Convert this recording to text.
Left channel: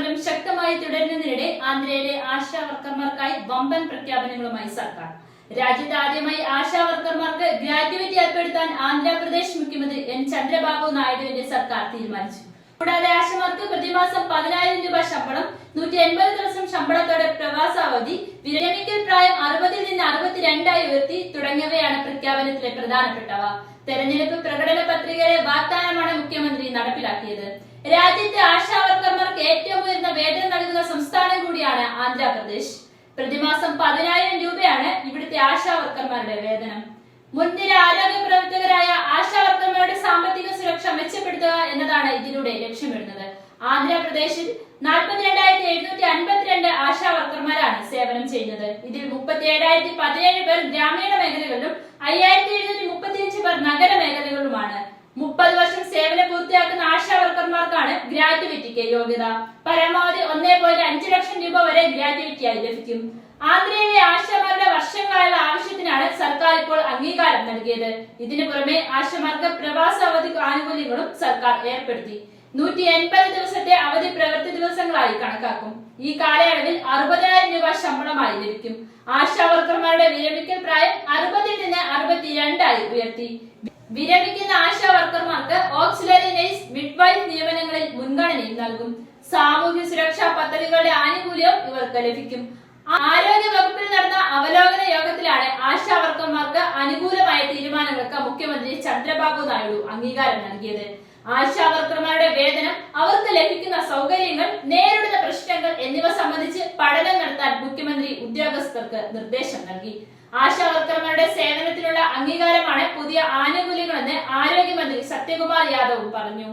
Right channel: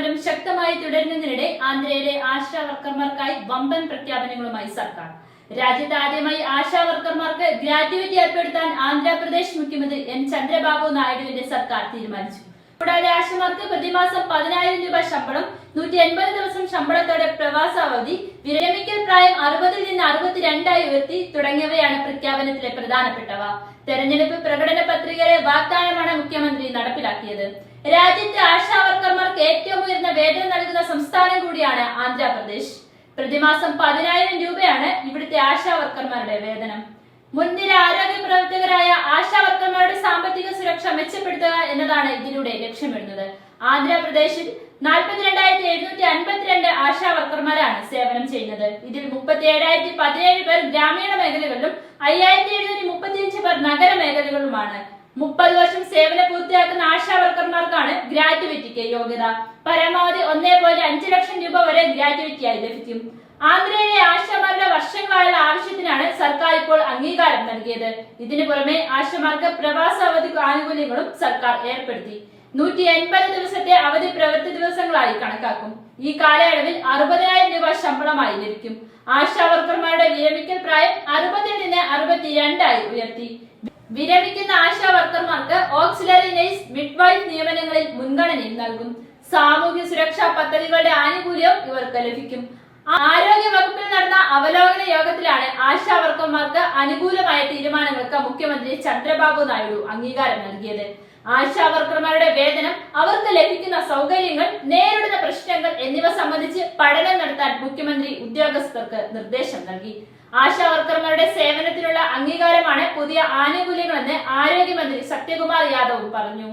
സമരം ശക്തമായി തുടരുന്നതിനിടെ ആന്ധ്രയിലെ ആശാ വർക്കർമാർക്കായി വമ്പൻ പ്രഖ്യാപനങ്ങളുമായി സർക്കാർ. രാജ്യത്ത് ആദ്യമായി ആശാ വർക്കർമാർക്ക് ഗ്രാറ്റുവിറ്റി ഏർപ്പെടുത്താൻ ആന്ധ്രാപ്രദേശ് മുഖ്യമന്ത്രി എൻ. ചന്ദ്രബാബു നായിഡുവിന്റെ സർക്കാർ തീരുമാനിച്ചു. കൂടാതെ ആശമാർക്ക് പ്രതിമാസം പതിനായിരം രൂപ ശമ്പളം നൂറ്റി എൺപത് ദിവസം ശമ്പളത്തോടെ പ്രവാസാവധി വിരമിക്കൽ പ്രായം അറുപതിൽ നിന്ന് അറുപത്തിരണ്ടായി ഉയർത്തി തുടങ്ങിയവയാണ് പ്രഖ്യാപനത്തിലെ പ്രധാനപ്പെട്ടവ. തെരഞ്ഞെടുപ്പ് പ്രകടന പത്രികയിലെ വാഗ്ദാനമാണ് നടപ്പിലാക്കിയത്. രാജ്യത്തെ ആശാവർക്കർമാർക്ക് ഏറ്റവും ഉയർന്ന വേതനം നൽകുന്ന സംസ്ഥാനം കൂടിയാണ് ആന്ധ്രാപ്രദേശ്. പ്രതിമാസം പതിനായിരം രൂപയാണ് ഇവിടുത്തെ ആശാവർക്കർമാരുടെ വേതനം. മുൻനിര ആരോഗ്യ പ്രവർത്തകരായ ആശാവർക്കർമാരുടെ സാമ്പത്തിക സുരക്ഷ മെച്ചപ്പെടുത്തുക എന്നതാണ് ഇതിലൂടെ ലക്ഷ്യമിടുന്നത്. ആന്ധ്രാപ്രദേശിൽ നാൽപ്പത്തിരണ്ടായിരത്തി എഴുന്നൂറ്റി അൻപത്തിരണ്ട് ആശാവർക്കർമാരാണ് സേവനം ചെയ്യുന്നത്. ഇതിൽ മുപ്പത്തി ഏഴായിരത്തി പതിനേഴ് പേർ ഗ്രാമീണ മേഖലകളിലും അയ്യായിരത്തി എഴുന്നൂറ്റി മുപ്പത്തിയഞ്ച് പേർ നഗര മേഖലകളിലുമാണ്. മുപ്പത് വർഷം സേവനം പൂർത്തിയാക്കുന്ന ആശാ വർക്കർമാർക്കാണ് ഗ്രാറ്റുവിറ്റിക്ക് യോഗ്യത. പരമാവധി ഒന്നേ പോയിന്റ് അഞ്ച് ലക്ഷം രൂപ വരെ ഗ്രാറ്റുവിറ്റിയായി ലഭിക്കും. ആന്ധ്രയിലെ ആശമാരുടെ വർഷങ്ങളായുള്ള ആവശ്യത്തിനാണ് സർക്കാർ ഇപ്പോൾ അംഗീകാരം നൽകിയത്. ഇതിനു പുറമെ ആശമാർക്ക് പ്രവാസ അവധി ആനുകൂല്യങ്ങളും സർക്കാർ ഏർപ്പെടുത്തി. നൂറ്റി എൺപത് ദിവസത്തെ അവധി പ്രവൃത്തി ദിവസങ്ങളായി കണക്കാക്കും. ഈ കാലയളവിൽ അറുപതിനായിരം രൂപ ശമ്പളമായി ലഭിക്കും. ആശാ വർക്കർമാരുടെ വിരമിക്കൽ പ്രായം അറുപതിൽ നിന്ന് അറുപത്തിരണ്ടായി ഉയർത്തി. വിരമിക്കുന്ന ആശാ വർക്കർമാർക്ക് ഓക്സിലറി നഴ്സ് മിഡ്വൈഫ് നിയമനങ്ങളിൽ മുൻഗണനയും നൽകും. സാമൂഹ്യ സുരക്ഷാ പദ്ധതികളുടെ ആനുകൂല്യവും ഇവർക്ക് ലഭിക്കും. ആരോഗ്യ വകുപ്പിൽ നടന്ന അവലോകന യോഗത്തിലാണ് ആശാ വർക്കർമാർക്ക് അനുകൂലമായ തീരുമാനങ്ങൾക്ക് മുഖ്യമന്ത്രി ചന്ദ്രബാബു നായിഡു അംഗീകാരം നൽകിയത്. ആശാ വർക്കർമാരുടെ വേതനം അവർക്ക് ലഭിക്കുന്ന സൗകര്യങ്ങൾ പ്രശ്നങ്ങൾ എന്നിവ സംബന്ധിച്ച് പഠനം നടത്താൻ മുഖ്യമന്ത്രി ഉദ്യോഗസ്ഥർക്ക് നിർദ്ദേശം നൽകി. ആശാ വർക്കർമാരുടെ സേവനത്തിനുള്ള അംഗീകാരമാണ് പുതിയ ആനുകൂല്യങ്ങളെന്ന് ആരോഗ്യമന്ത്രി സത്യകുമാർ യാദവ് പറഞ്ഞു.